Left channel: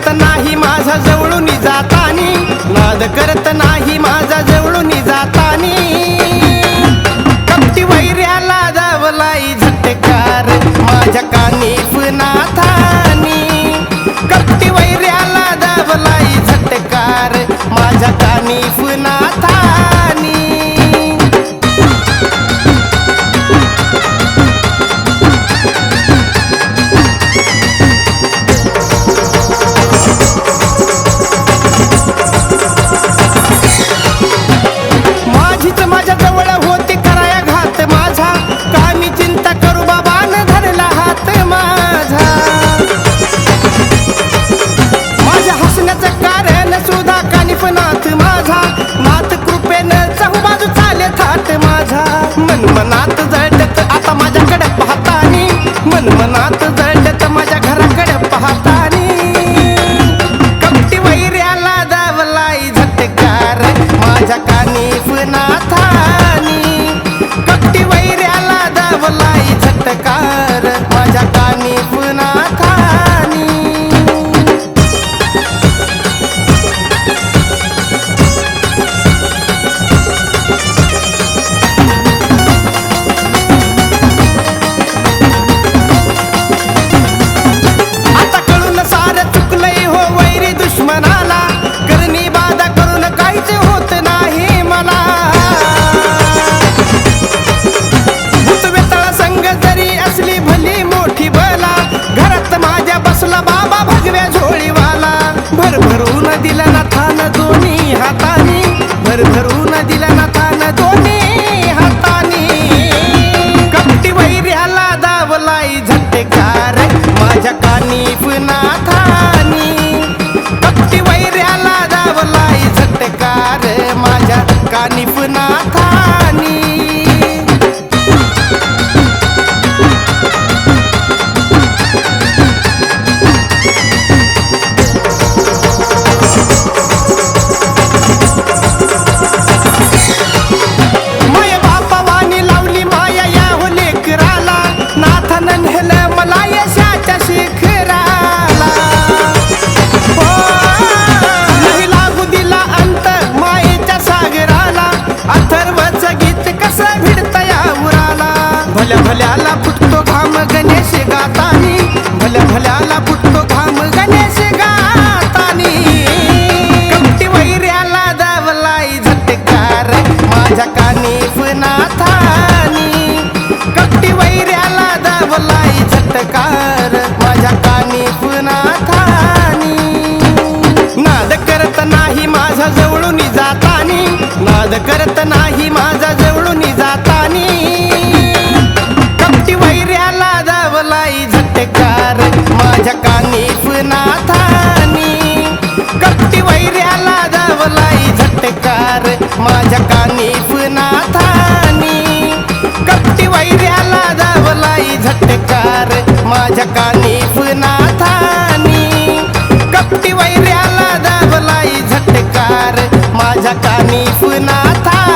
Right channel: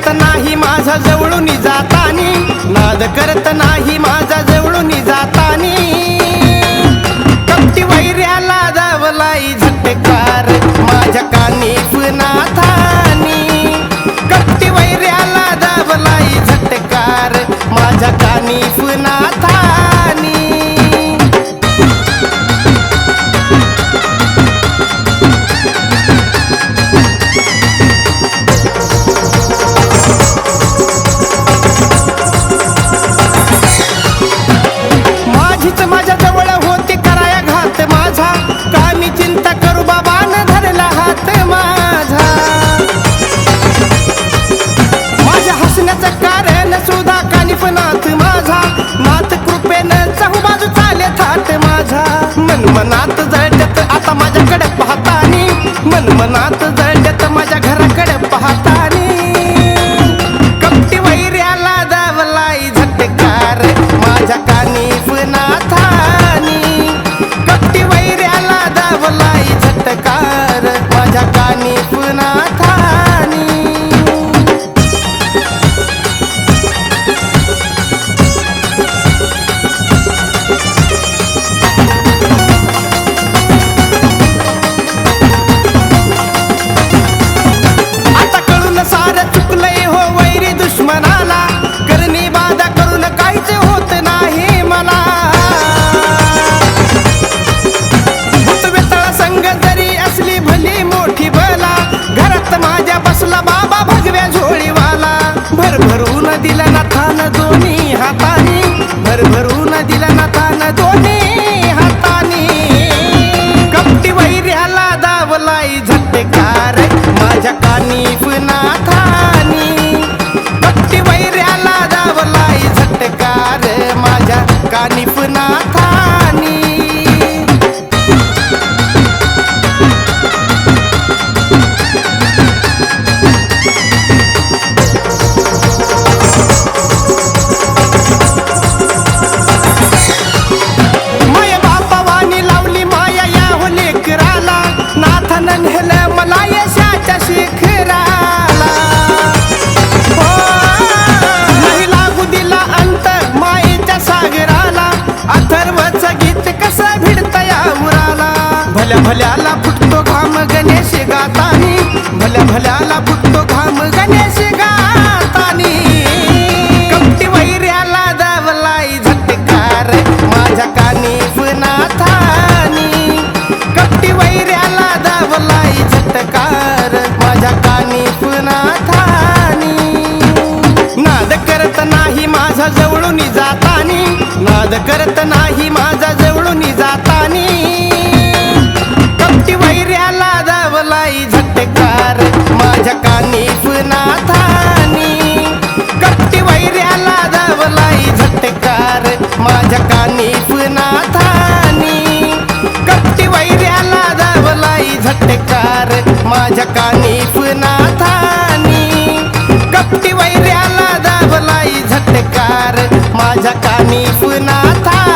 करत नाही माझा जवळून जातानी. नाद करत नाही माझा जवळून जातानी. कपटी वैर्याला दावलाई झटकार माझ्या कानीफ नाथानी कपटी वैर्याला दावलाई झटकार माझ्या कानी नाथानी सुद्धा माझा नाथ कृपेनं चहू बाजू चाले थाट माझा. मन मनात जळत आता माझ्याकडे पाहतानी. मन मनात जळत माझ्या घराकडे पाहतानी. कपटी वैर्याला दावलाई झटकार माझ्या कानी नाथानी कपटी वैर्याला दावलाई झटकार माझ्या कानी नाथानी वैरी करणी बाधा करून काहीच होत नाही मला. भूतवेताळा संग जरी असली भली मोठी बला घरात माझ्या बसला बाबा भगव्या झोळीवाला. भरभरून दिला नाथान दोन्ही हातानी भरभरून दिला नाथान दोन्ही हातानी. कपटी वैर्याला दावलाई झटकार माझ्या कानी पुन्हा थानी कपटी वैऱ्याला दावलाई झटकार माझ्या कानीफ नाथानी माया बापावानी लावली माया या हो लेकराला. नाथानं नेलं भल्या भल्याला फुटतो घाम गणेश गातानी. भल्या भल्याला फुटतो घाम गणेश गातानी. कमटी वैऱ्याला दावलाई झटकार माझ्या कानी पुनाथानी कपटी वैऱ्याला दावलाई झटकार माझ्या कानी पुनाथानी नाद करत नाही माझा जवळून जातानी. नाद करत नाही माझा जवळून जातानी. दावलाई माझ्या कानीफ नाथानी. कपटी वैर्याला दावलाई झटकार माझ्या कानीफ नाथानी. कपटी वैर्याला दावलाई झटकार माझ्या कानीफ नाथानी. कपटी वैर्याला दावलाई झटकार माझ्या कानीफ नाथानी.